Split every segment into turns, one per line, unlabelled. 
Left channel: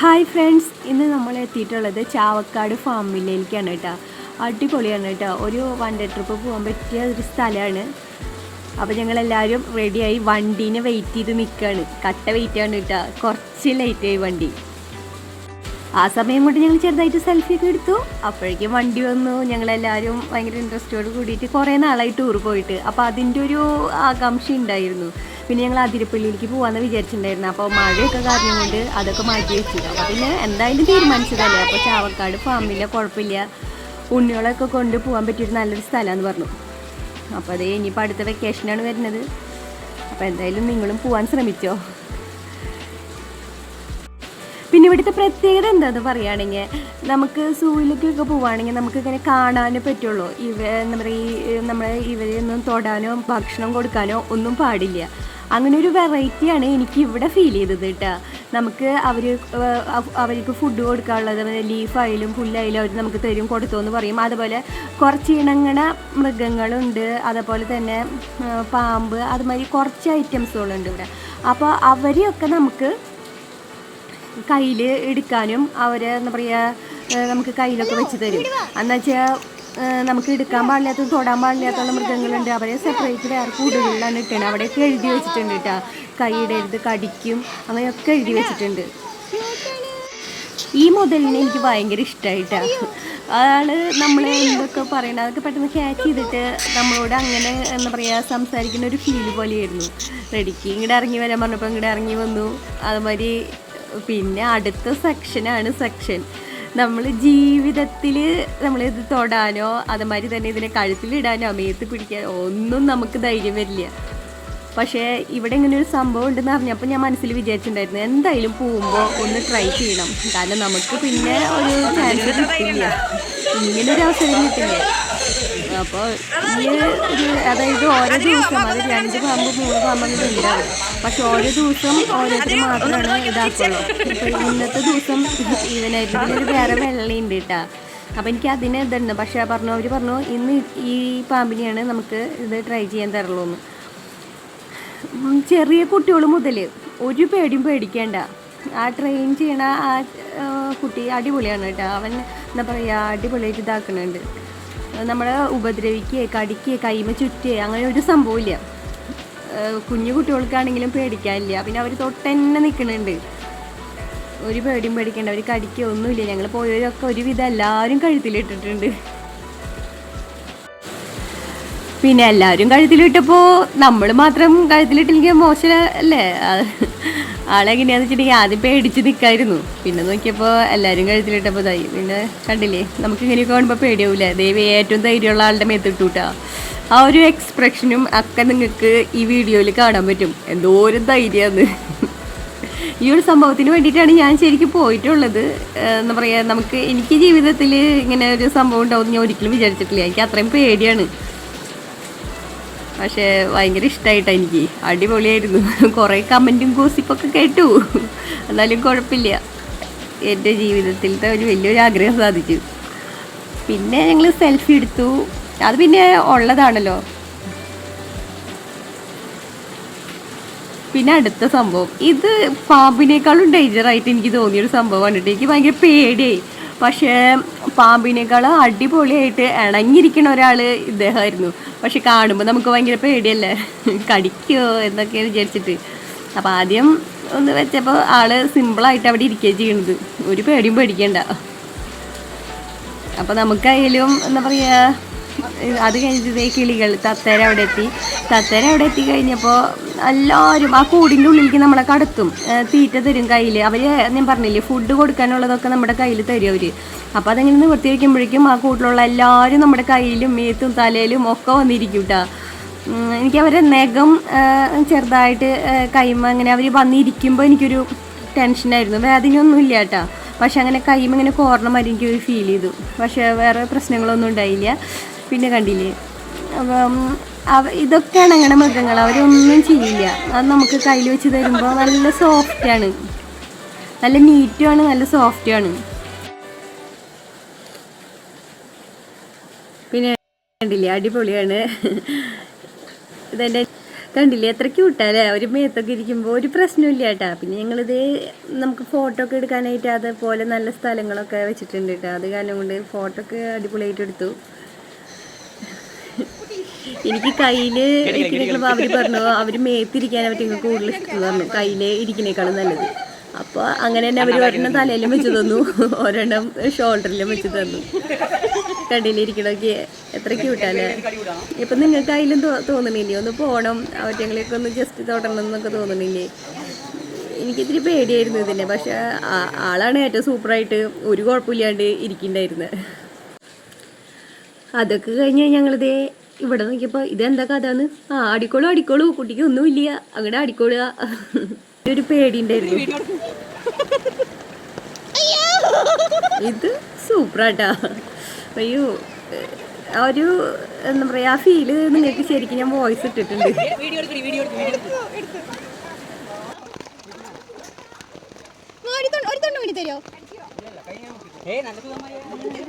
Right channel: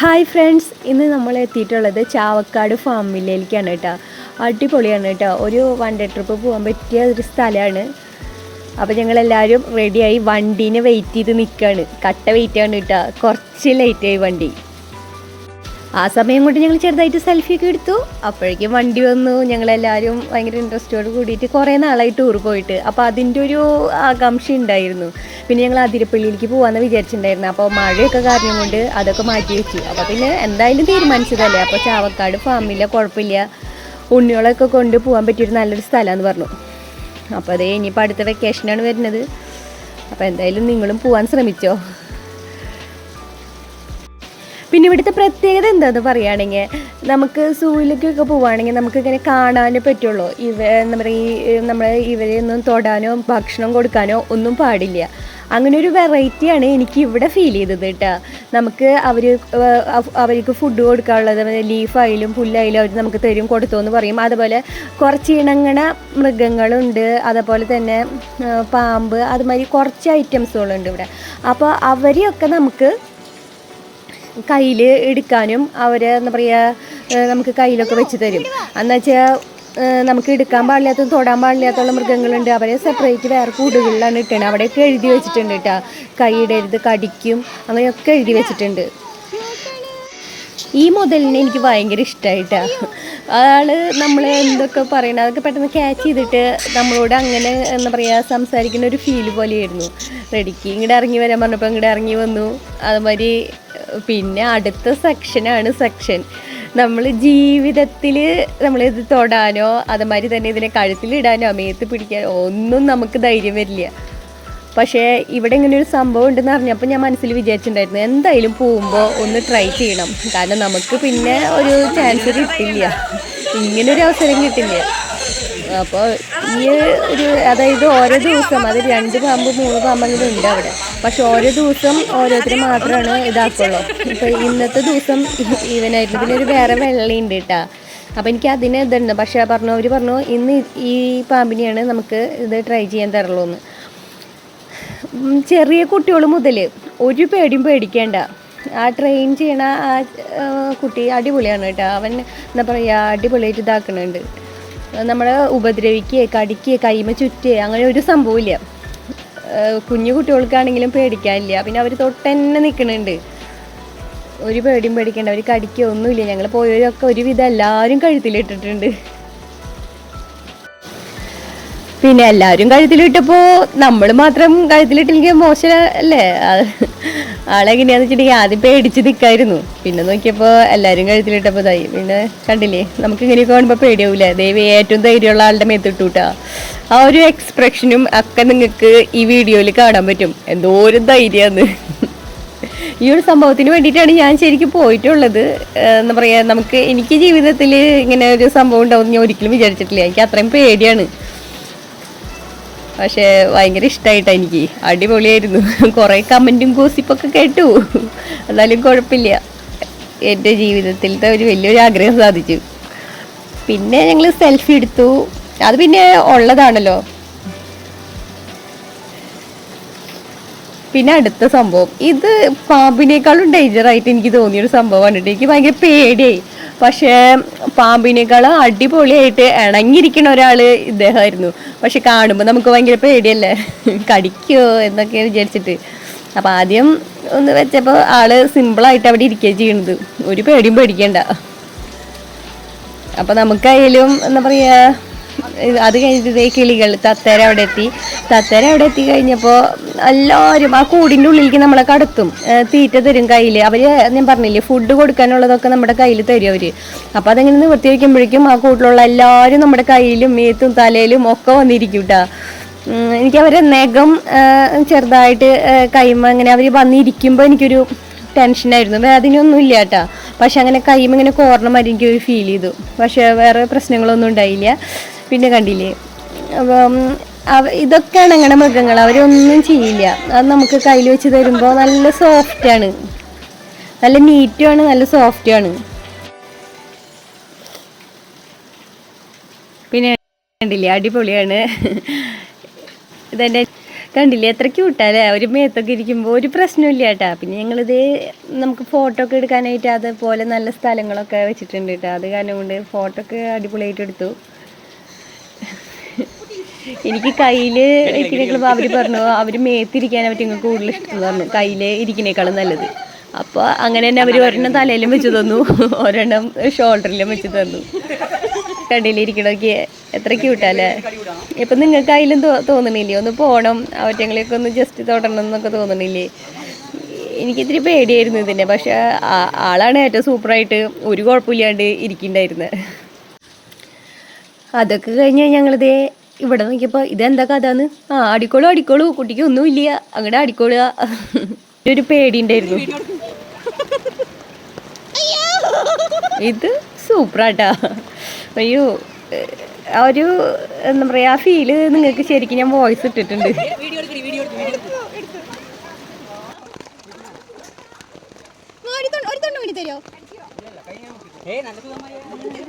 Hi friends ഇന്ന് നമ്മൾ എത്തിയിട്ടുള്ളത് ചാവക്കാട് ഫാം ഫാമിലേക്കാണ് കേട്ടോ. അടിപൊളിയാണ് കേട്ടോ. ഒരു വൺ ഡേ ട്രിപ്പ് പോകാൻ പറ്റിയ ഒരു സ്ഥലമാണ്. അപ്പോൾ ഞങ്ങളെല്ലാവരും റെഡിയായി വണ്ടീനെ വെയിറ്റ് ചെയ്ത് നിൽക്കുകയാണ് കട്ട വെയിറ്റ് ആണ് കേട്ടോ. കുറച്ച് ലേറ്റായി വണ്ടി. ആ സമയം കൊണ്ട് ഞങ്ങൾ ചെറുതായിട്ട് സെൽഫി ഒക്കെ എടുത്തു. അപ്പോഴേക്കും വണ്ടി വന്നു. ഞങ്ങളെല്ലാവരും ഭയങ്കര ഇൻട്രസ്റ്റോട് കൂടിയിട്ട് കുറേ നാളായി ടൂർ പോയിട്ട്. അപ്പോൾ അതിന്റെ ഒരു ആകാംക്ഷ ഉണ്ടായിരുന്നു. പിന്നെ ഞങ്ങൾ അതിരപ്പള്ളിയിലേക്ക് പോകാമെന്ന് വിചാരിച്ചിട്ടുണ്ടായിരുന്നു. അപ്പോൾ മഴയൊക്കെ കാരണം കൊണ്ട് അതൊക്കെ മാറ്റി വെച്ചു. അപ്പോൾ പിന്നെ എന്തായാലും തീരുമാനിച്ചതല്ലേ? അപ്പോൾ ചാവക്കാട് ഫാമില്ല കുഴപ്പമില്ല. ഉണ്ണികളൊക്കെ കൊണ്ട് പോകാൻ പറ്റിയൊരു നല്ലൊരു സ്ഥലമാണെന്ന് പറഞ്ഞു. അപ്പോൾ അതേ ഇനിയിപ്പോൾ അടുത്ത വെക്കേഷനാണ് വരുന്നത്. അപ്പോൾ എന്തായാലും നിങ്ങളും പോകാൻ ശ്രമിച്ചോ? പിന്നെ ഇവിടുത്തെ പ്രത്യേകത എന്താണെന്ന് പറയുകയാണെങ്കിൽ നമുക്ക് സൂയിലേക്കൊക്കെ പോവുകയാണെങ്കിൽ നമുക്ക് ഇങ്ങനെ കാണാനേ പറ്റുള്ളൂ. ഇവ പറയുക ഈ നമ്മൾ ഇവരെയൊന്നും തൊടാനോ ഭക്ഷണം കൊടുക്കാനോ ഒന്നും പാടില്ല. അങ്ങനെ ഒരു വെറൈറ്റിയാണ് എനിക്ക് ഇവിടെ ഫീൽ ചെയ്തത് കേട്ടോ. നമുക്ക് അവർ അവർക്ക് ഫുഡ് കൊടുക്കാനുള്ളത് ലീഫായാലും പുല്ലായാലും അവർ നമുക്ക് തരും കൊടുത്തു എന്ന് പറയും. അതുപോലെ കുറച്ച് ഇണങ്ങണ മൃഗങ്ങളുണ്ട്. അതുപോലെ തന്നെ പാമ്പ് അതുമാതിരി കുറച്ച് ഐറ്റംസുകളുണ്ട് ഇവിടെ. അപ്പോൾ അവരെയൊക്കെ നമുക്ക് കയ്യിൽ എടുക്കാനും അവരെ എന്താ പറയുക നമുക്ക് കയ്യിലൊക്കെ വെച്ച് തരും. എന്ന് വെച്ചാൽ നമുക്ക് എടുക്കാൻ പാടില്ലാത്തതും തൊടാൻ പാടില്ലാത്തുള്ള മൃഗങ്ങളുണ്ട്. അവരെ സെപ്പറേറ്റ് വേറെ കൂടുകളിലാണ് ഇട്ടത് അവിടെയൊക്കെ എഴുതി വെച്ചിട്ടുണ്ട് കേട്ടോ. കൈയിടരുത് കടിക്കും അങ്ങനെയൊക്കെ എഴുതി വെച്ചിട്ടുണ്ട്. ഈ മുതലിനെ എനിക്ക് ഭയങ്കര ഇഷ്ടമായിട്ട ആൾ നമ്മൾ എന്തൊക്കെ പറയണത് അതൊക്കെ പെട്ടെന്ന് ക്യാച്ച് ചെയ്തിട്ട് നമ്മളോട് അങ്ങനെ എന്താ പറയുക സംസാരിക്കുന്ന ഒരു ഫീൽ പോലെയായിരുന്നു. റെഡിക്ക് ഇങ്ങോട്ട് ഇറങ്ങി വരാൻ പറഞ്ഞപ്പോൾ ഇങ്ങോട്ട് ഇറങ്ങി വന്നു. അതുമാതിരി പിന്നെ അടുത്ത സെക്ഷനാണ് സെക്ഷൻ നമ്മൾ ജീവിതത്തിൽ നമ്മളിത് തൊടാനോ അതുമാതിരി തന്നെ ഇതിനെ കഴുത്തിലിടാനോ അമേത്ത് പിടിക്കാനോ ഒന്നും നമുക്ക് ധൈര്യം വരില്ല. പക്ഷേ ഇവിടെ ഇങ്ങനെ ഒരു സംഭവം ഉണ്ടെന്ന് അറിഞ്ഞപ്പോൾ ഞാൻ മനസ്സിൽ വിചാരിച്ചിട്ടുണ്ടായിരുന്നു എന്തായാലും പോകുമ്പോൾ ഒന്ന് ട്രൈ ചെയ്യണം. കാരണം നമുക്ക് പിന്നെ ഒരു ചാൻസ് കിട്ടില്ല. ഇങ്ങനൊരു അവസരം കിട്ടില്ല. അപ്പോൾ ഈ ഒരു അതായത് ഓരോ ദിവസം അത് രണ്ട് പാമ്പ് മൂന്ന് പാമ്പ് അങ്ങനെ ഉണ്ട് പക്ഷെ ഓരോ ദിവസം ഓരോരുത്തർ മാത്രമാണ് ഇതാക്കുള്ളൂ ഇപ്പോൾ ഇന്നത്തെ ദിവസം ഇവനായിട്ട് ഒരു വേറെ വെള്ളയുണ്ട് കേട്ടോ അപ്പോൾ എനിക്ക് അതിന് ഇതുണ്ട്. പക്ഷേ പറഞ്ഞു അവർ പറഞ്ഞു ഇന്ന് ഈ പാമ്പിനെയാണ് നമുക്ക് ഇത് ട്രൈ ചെയ്യാൻ തരുള്ളൂ എന്ന് ചെറിയ കുട്ടികൾ മുതൽ ഒരു പേടിയും പേടിക്കേണ്ട. ആ ട്രെയിൻ ചെയ്യണ ആ ആ, കുട്ടി അടിപൊളിയാണ് കേട്ടോ അവൻ എന്താ പറയുക അടിപൊളിയായിട്ട് ഇതാക്കുന്നുണ്ട്. നമ്മളെ ഉപദ്രവിക്കുക കടിക്കുക കൈമ ചുറ്റുക അങ്ങനെ ഒരു സംഭവമില്ല. കുഞ്ഞു കുട്ടികൾക്കാണെങ്കിലും പേടിക്കാനില്ല. പിന്നെ അവർ തൊട്ടന്നെ നിൽക്കുന്നുണ്ട്. ഒരു പേടിയും പേടിക്കേണ്ട അവർ കടിക്കുക ഒന്നുമില്ല. ഞങ്ങൾ പോയവരൊക്കെ ഒരുവിധം എല്ലാവരും കഴുത്തിലിട്ടിട്ടുണ്ട്. പിന്നെ എല്ലാവരും കഴുത്തിലിട്ടപ്പോൾ നമ്മൾ മാത്രം കഴുത്തിലിട്ടില്ലെങ്കിൽ മോശമല്ലേ ആളെങ്ങനെയാന്ന് വെച്ചിട്ടുണ്ടെങ്കിൽ ആദ്യം പേടിച്ച് നിൽക്കായിരുന്നു പിന്നെ നോക്കിയപ്പോൾ എല്ലാവരും കഴുത്തിലിട്ടപ്പോൾ ഇതായി. പിന്നെ കണ്ടില്ലേ? നമുക്ക് ഇങ്ങനെ കാണുമ്പോൾ പേടിയാവില്ല ദൈവം ഏറ്റവും ധൈര്യമുള്ള ആളുടെ മേത്തിട്ടു ആ ഒരു എക്സ്പ്രഷനും ഒക്കെ നിങ്ങൾക്ക് ഈ വീഡിയോയിൽ കാണാൻ പറ്റും. എന്തോ ഒരു ധൈര്യമാണ്. ഈ ഒരു സംഭവത്തിന് വേണ്ടിയിട്ടാണ് ഞാൻ ശരിക്കും പോയിട്ടുള്ളത്. എന്താ പറയുക നമുക്ക് എനിക്ക് ജീവിതത്തിൽ ഇങ്ങനെ ഒരു സംഭവം ഉണ്ടാവും ഞാൻ ഒരിക്കലും വിചാരിച്ചിട്ടില്ല. എനിക്ക് അത്രയും പേടിയാണ്. പക്ഷേ ഭയങ്കര ഇഷ്ടമായിട്ടാ എനിക്ക്. അടിപൊളിയായിരുന്നു. കുറേ കമന്റും ഗോസിപ്പൊക്കെ കേട്ടു. എന്നാലും കുഴപ്പമില്ല എന്റെ ജീവിതത്തിലത്തെ ഒരു വലിയൊരു ആഗ്രഹം സാധിച്ചു. പിന്നെ ഞങ്ങൾ സെൽഫി എടുത്തു. അത് പിന്നെ ഉള്ളതാണല്ലോ. പിന്നെ അടുത്ത സംഭവം. ഇത് പാമ്പിനേക്കാളും ഡേഞ്ചറായിട്ട് എനിക്ക് തോന്നിയൊരു സംഭവമാണ് എനിക്ക് ഭയങ്കര പേടിയായി. പക്ഷേ പാമ്പിനേക്കാളും അടിപൊളിയായിട്ട് ഇണങ്ങിയിരിക്കുന്ന ഒരാൾ ഇദ്ദേഹമായിരുന്നു. പക്ഷെ കാണുമ്പോൾ നമുക്ക് ഭയങ്കര പേടിയല്ലേ? കടിക്കുമോ എന്നൊക്കെ വിചാരിച്ചിട്ട്. അപ്പോൾ ആദ്യം ഒന്ന് വെച്ചപ്പോൾ ആൾ സിമ്പിളായിട്ട് അവിടെ ഇരിക്കുക ചെയ്യണത്. ഒരു പേടിയും പേടിക്കണ്ട. അപ്പോൾ നമുക്കായാലും എന്താ പറയുക അത് കഴിഞ്ഞിട്ട് ഇതേ കിളികൾ തത്തേര അവിടെ എത്തി തത്തേര അവിടെ എത്തി കഴിഞ്ഞപ്പോൾ എല്ലാവരും ആ കൂടിന്റെ ഉള്ളിലേക്ക് നമ്മളെ കടത്തും. തീറ്റ തരും കയ്യിൽ അവർ ഞാൻ പറഞ്ഞില്ലേ ഫുഡ് കൊടുക്കാനുള്ളതൊക്കെ നമ്മുടെ കയ്യിൽ തരും അവർ അപ്പോൾ അതങ്ങനെ നിവർത്തി വയ്ക്കുമ്പോഴേക്കും ആ കൂട്ടിലുള്ള എല്ലാവരും നമ്മുടെ കയ്യിലും മേത്തും തലയിലും ഒക്കെ വന്നിരിക്കും കേട്ടോ എനിക്ക് അവരെ നഖം ചെറുതായിട്ട് കൈമ അങ്ങനെ അവർ വന്നിരിക്കുമ്പോൾ എനിക്കൊരു ടെൻഷനായിരുന്നു വേദനയൊന്നും ഇല്ല കേട്ടോ പക്ഷെ അങ്ങനെ കൈമ ഇങ്ങനെ കോർണ മാതിരി എനിക്കൊരു ഫീൽ ചെയ്തു. പക്ഷേ വേറെ പ്രശ്നങ്ങളൊന്നും ഉണ്ടായില്ല. പിന്നെ കണ്ടില്ലേ? അപ്പം ഇതൊക്കെയാണ് അങ്ങനെ മൃഗങ്ങൾ. അവരൊന്നും ചെയ്യില്ല. അത് നമുക്ക് കയ്യിൽ വെച്ച് തരുമ്പോൾ നല്ല സോഫ്റ്റാണ് നല്ല നീറ്റുമാണ് നല്ല സോഫ്റ്റുമാണ് പിന്നെ കണ്ടില്ലേ? അടിപൊളിയാണ്. ഇതെന്റെ കണ്ടില്ലേ? എത്ര ക്യൂട്ടല്ലേ ഒരു മേത്തൊക്കെ ഇരിക്കുമ്പോൾ ഒരു പ്രശ്നമില്ല കേട്ടാ. പിന്നെ ഞങ്ങളിത് നമുക്ക് ഫോട്ടോ ഒക്കെ എടുക്കാനായിട്ട് അതുപോലെ നല്ല സ്ഥലങ്ങളൊക്കെ വെച്ചിട്ടുണ്ട് കേട്ടോ. അത് കാരണം കൊണ്ട് ഫോട്ടോ ഒക്കെ അടിപൊളിയായിട്ട് എടുത്തു. എനിക്ക് കയ്യിൽ ഇരിക്കുമ്പോൾ അവർ പറഞ്ഞു അവർ മേത്തിരിക്കാനെ പറ്റി കൂടുതൽ ഇഷ്ടം പറഞ്ഞു കയ്യിൽ ഇരിക്കുന്നേക്കാളും നല്ലത്. അപ്പോൾ അങ്ങനെ തന്നെ അവർ ഒരെണ്ണം തലയിലും വെച്ച് തന്നു. ഒരെണ്ണം ഷോൾഡറിലും വെച്ച് തന്നു. കണ്ടിലിരിക്കണൊക്കെ എത്ര ക്യൂട്ടല്ലേ ഇപ്പം നിങ്ങൾക്ക് അതിലും തോന്നണില്ലേ? ഒന്ന് പോണം അവറ്റങ്ങളെയൊക്കെ ഒന്ന് ജസ്റ്റ് തൊടണം എന്നൊക്കെ തോന്നണില്ലേ? എനിക്കിത്തിരി പേടിയായിരുന്നു ഇതിന്റെ പക്ഷെ ആളാണ് ഏറ്റവും സൂപ്പറായിട്ട് ഒരു കുഴപ്പമില്ലാണ്ട് ഇരിക്കുന്നുണ്ടായിരുന്നത് അതൊക്കെ കഴിഞ്ഞ് ഞങ്ങളിതേ ഇവിടെ നോക്കിയപ്പോൾ ഇതെന്താ കഥ എന്ന് ആ അടിക്കോളൂ അടിക്കോളൂ കുട്ടിക്ക് ഒന്നുമില്ല അങ്ങടെ അടിക്കോളുക. ഒരു പേടി ഉണ്ടായിരുന്നു ഇത് സൂപ്പറാട്ടാ. അയ്യോ ആ ഒരു എന്താ പറയാ ആ ഫീൽ നിങ്ങൾക്ക് ശരിക്കും ഞാൻ വോയിസ് ഇട്ടിട്ടുണ്ട്.
ഒരു നല്ല സുഖമായി അപ്പം
ദേ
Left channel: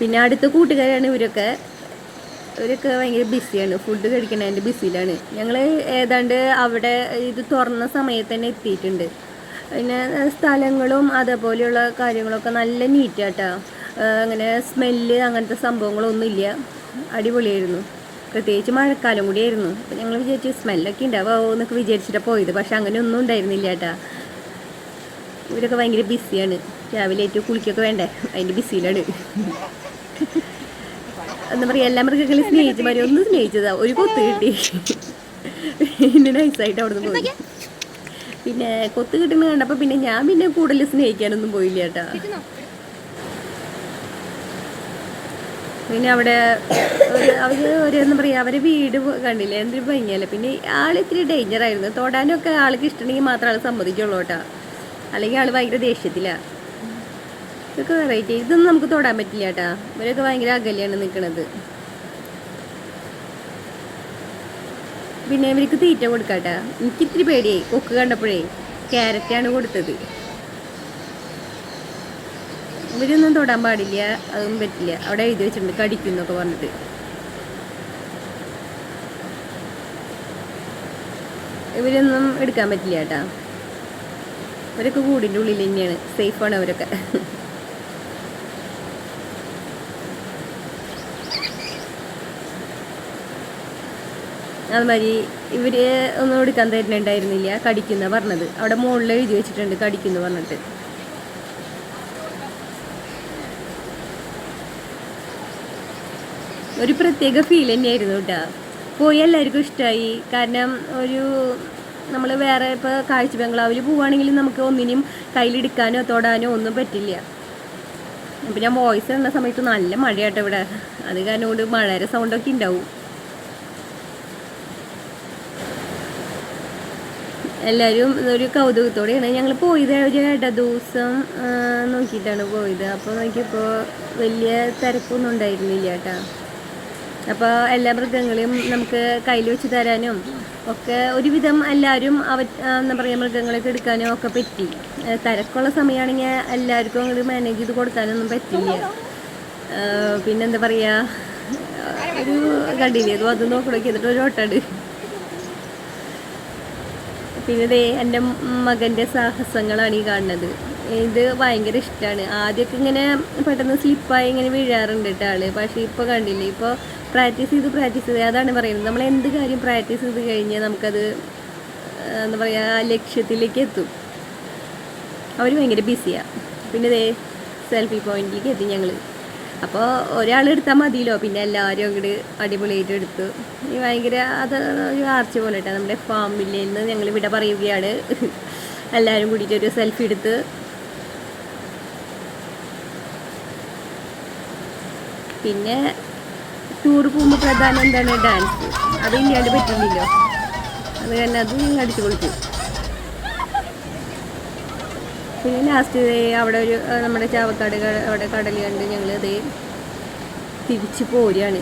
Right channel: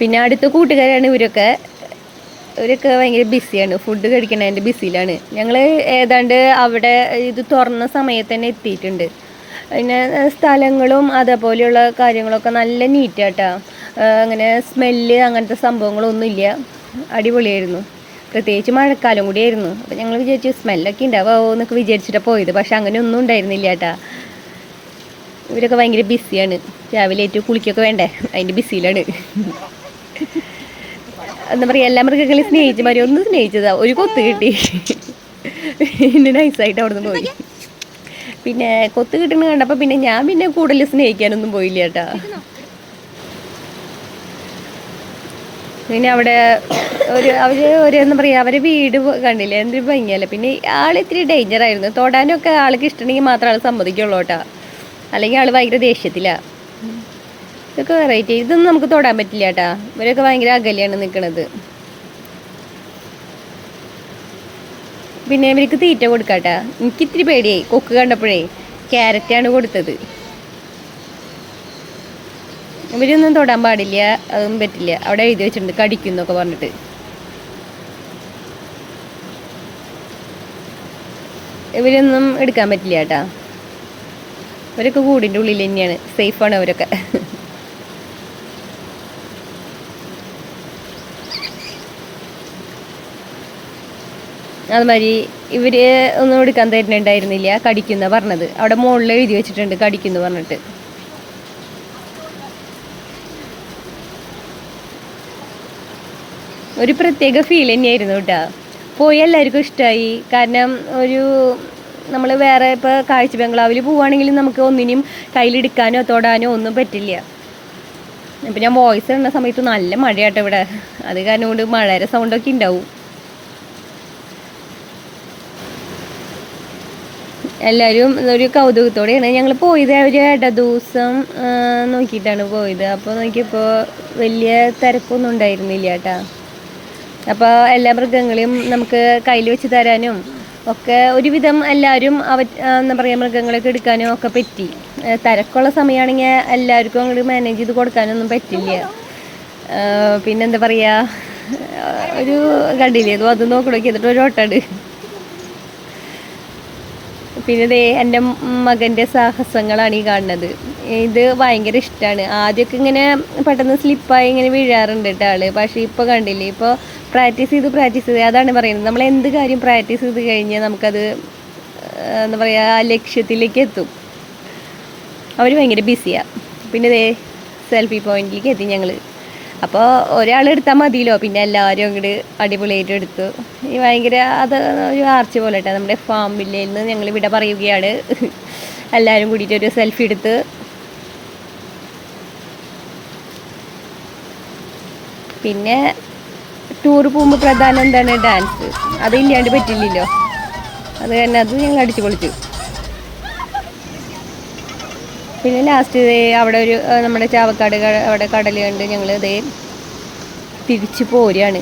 പിന്നെ അടുത്ത കൂട്ടുകാരാണ് ഇവരൊക്കെ. ഇവരൊക്കെ ഭയങ്കര ബിസിയാണ് ഫുഡ് കഴിക്കണതിന്റെ ബിസിയിലാണ് ഞങ്ങൾ ഏതാണ്ട് അവിടെ ഇത് തുറന്ന സമയത്ത് തന്നെ എത്തിയിട്ടുണ്ട്. പിന്നെ സ്ഥലങ്ങളും അതേപോലെയുള്ള കാര്യങ്ങളൊക്കെ നല്ല നീറ്റാട്ടാ അങ്ങനെ സ്മെല്ല് അങ്ങനത്തെ സംഭവങ്ങളൊന്നും ഇല്ല. അടിപൊളിയായിരുന്നു. പ്രത്യേകിച്ച് മഴക്കാലം കൂടിയായിരുന്നു. അപ്പോൾ ഞങ്ങൾ വിചാരിച്ചു സ്മെല്ലൊക്കെ ഉണ്ടാവുമോ എന്നൊക്കെ വിചാരിച്ചിട്ടാണ് പോയത്. പക്ഷെ അങ്ങനെ ഒന്നും ഉണ്ടായിരുന്നില്ല കേട്ടാ ഇവരൊക്കെ ഭയങ്കര ബിസിയാണ്. രാവിലെ ഏറ്റവും കുളിക്കൊക്കെ വേണ്ടേ? അതിന്റെ ബിസിയിലാണ്. എന്താ പറയുക എല്ലാ മൃഗങ്ങളെയും സ്നേഹിച്ചു മാറി ഒന്ന് സ്നേഹിച്ചതാ. ഒരു കൊത്ത് കിട്ടി. പിന്നെ നൈസായിട്ട് അവിടെ നിന്ന് പോയി. പിന്നെ കൊത്ത് കിട്ടുന്ന കണ്ടപ്പോൾ പിന്നെ ഞാൻ പിന്നെ കൂടുതൽ സ്നേഹിക്കാനൊന്നും പോയില്ല കേട്ടാ. പിന്നെ അവിടെ ഒരു അവർ ഒരു എന്താ പറയുക അവരെ വീട് കണ്ടില്ല കണ്ടില്ലേ? എന്തൊരു ഭംഗിയല്ല? പിന്നെ ആൾ ഇത്തിരി ഡേഞ്ചർ ആയിരുന്നു. തൊടാനൊക്കെ ആൾക്ക് ഇഷ്ടമുണ്ടെങ്കിൽ മാത്രമേ ആൾ സമ്മതിക്കുള്ളൂ കേട്ടോ. അല്ലെങ്കിൽ ആൾ ഭയങ്കര ദേഷ്യത്തിലാണ് ഇതൊക്കെ വെറൈറ്റി ഇതൊന്നും നമുക്ക് തൊടാൻ പറ്റില്ല കേട്ടാ ഇവരൊക്കെ ഭയങ്കര അകലെയാണ് നിൽക്കുന്നത് പിന്നെ ഇവർക്ക് തീറ്റ കൊടുക്കാട്ടാ എനിക്ക് ഇത്തിരി പേടിയായി. കൊക്ക് കണ്ടപ്പോഴേ ക്യാരറ്റാണ് കൊടുത്തത്. ഇവരൊന്നും തൊടാൻ പാടില്ല. അതൊന്നും പറ്റില്ല. അവിടെ എഴുതി വെച്ചിട്ടുണ്ട്. കടിക്കും എന്നൊക്കെ പറഞ്ഞിട്ട്. ഇവരൊന്നും എടുക്കാൻ പറ്റില്ല കേട്ടാ ഇവരൊക്കെ കൂടിന്റെ ഉള്ളിൽ തന്നെയാണ്. സേഫാണ് അവരൊക്കെ. അതുമാതിരി ഇവർ ഒന്നും എടുക്കാൻ തരുന്നുണ്ടായിരുന്നില്ല. കടിക്കുന്ന പറഞ്ഞത്. അവിടെ മുകളിൽ എഴുതി വെച്ചിട്ടുണ്ട് കടിക്കുന്നു പറഞ്ഞിട്ട്. ഒരു പ്രത്യേക ഫീൽ തന്നെയായിരുന്നു കേട്ടോ. പോയി എല്ലാവർക്കും ഇഷ്ടമായി കാരണം ഒരു നമ്മൾ വേറെ ഇപ്പോൾ കാഴ്ച ബംഗ്ലാവിൽ പോവുകയാണെങ്കിൽ നമുക്ക് ഒന്നിനും കയ്യിലെടുക്കാനോ തൊടാനോ ഒന്നും പറ്റില്ല. അപ്പം ഞാൻ വോയിസ് ഇടുന്ന സമയത്ത് നല്ല മഴയാട്ടോ ഇവിടെ. അത് കാരണം കൊണ്ട് മഴയുടെ സൗണ്ടൊക്കെ ഉണ്ടാവും എല്ലാവരും ഒരു കൗതുകത്തോടെയാണ്. ഞങ്ങൾ പോയത് ഒരു ഇട ദിവസം നോക്കിയിട്ടാണ് പോയത്. അപ്പോൾ നോക്കിയപ്പോൾ വലിയ തിരക്കൊന്നും ഉണ്ടായിരുന്നില്ല കേട്ടോ. അപ്പോൾ എല്ലാ മൃഗങ്ങളെയും നമുക്ക് കയ്യിൽ വെച്ച് തരാനും ഒക്കെ ഒരുവിധം എല്ലാവരും അവ എന്താ പറയുക മൃഗങ്ങളൊക്കെ എടുക്കാനും ഒക്കെ പറ്റി. തിരക്കുള്ള സമയമാണെങ്കിൽ എല്ലാവർക്കും അങ്ങോട്ട് മാനേജ് ചെയ്ത് കൊടുക്കാനൊന്നും പറ്റില്ല. പിന്നെന്താ പറയുക ഒരു കണ്ടില്ലേ അതും അത് നോക്കണോക്കി എന്നിട്ട് ഒരു ഓട്ടാട് പിന്നെ ദേ എന്റെ മകന്റെ സാഹസങ്ങളാണ് ഈ കാണുന്നത്. ഇത് ഭയങ്കര ഇഷ്ടമാണ് ആദ്യമൊക്കെ ഇങ്ങനെ പെട്ടെന്ന് സ്ലിപ്പായി ഇങ്ങനെ വീഴാറുണ്ട് കേട്ടോ ആൾ പക്ഷേ ഇപ്പോൾ കണ്ടില്ലേ ഇപ്പോൾ പ്രാക്ടീസ് ചെയ്ത് പ്രാക്ടീസ് ചെയ്ത് അതാണ് പറയുന്നത്. നമ്മൾ എന്ത് കാര്യം പ്രാക്ടീസ് ചെയ്ത് കഴിഞ്ഞാൽ നമുക്കത് എന്താ പറയുക ആ ലക്ഷ്യത്തിലേക്ക് എത്തും. അവർ ഭയങ്കര ബിസിയാണ് പിന്നെ ദേ സെൽഫി പോയിന്റിലേക്ക് എത്തി ഞങ്ങൾ അപ്പോൾ ഒരാൾ എടുത്താൽ മതിയല്ലോ. പിന്നെ എല്ലാവരും അങ്ങോട്ട് അടിപൊളിയായിട്ട് എടുത്തു. ഈ ഭയങ്കര അത് ഒരു ആർച്ച് പോലെ കേട്ടോ നമ്മുടെ ഫാം വില്ലയിൽ നിന്ന് ഞങ്ങൾ ഇവിടെ പറയുകയാണ്. എല്ലാവരും കൂടിയിട്ട് ഒരു സെൽഫി എടുത്ത്. പിന്നെ ടൂർ പോകുമ്പോൾ പ്രധാനം എന്താണ് ഡാൻസ് അത് ഇല്ലാണ്ട് പറ്റില്ലല്ലോ. അത് തന്നെ അത് ഞങ്ങൾ അടിച്ചു പൊളിച്ചു. പിന്നെ ലാസ്റ്റ് അവിടെ ഒരു നമ്മുടെ ചാവക്കാട് അവിടെ കടൽ ഞങ്ങൾ ഇതേ തിരിച്ചു പോരുകയാണ്.